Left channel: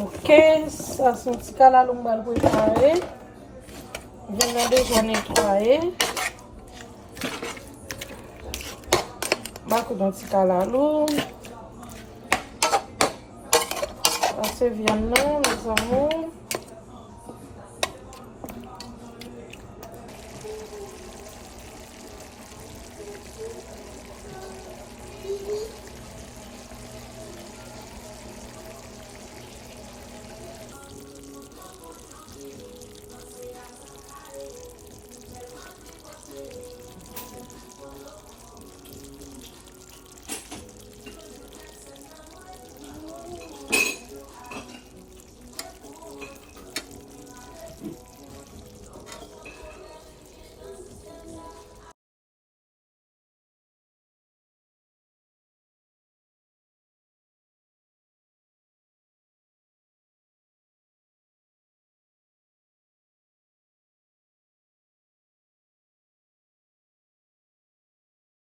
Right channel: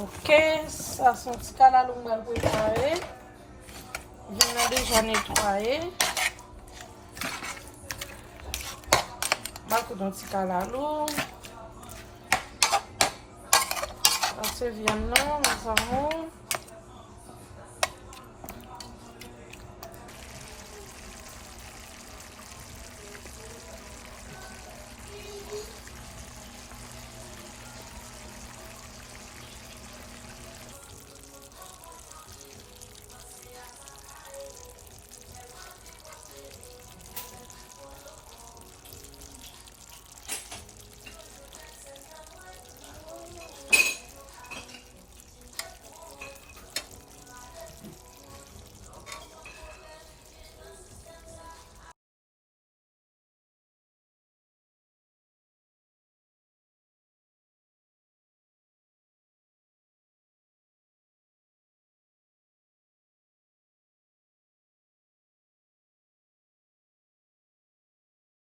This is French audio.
Ok, ça son petit calalou on va le préparer. Je l'ai déjà nettoyé. Je vais mettre un petit calalou. C'est viande là, nous avons.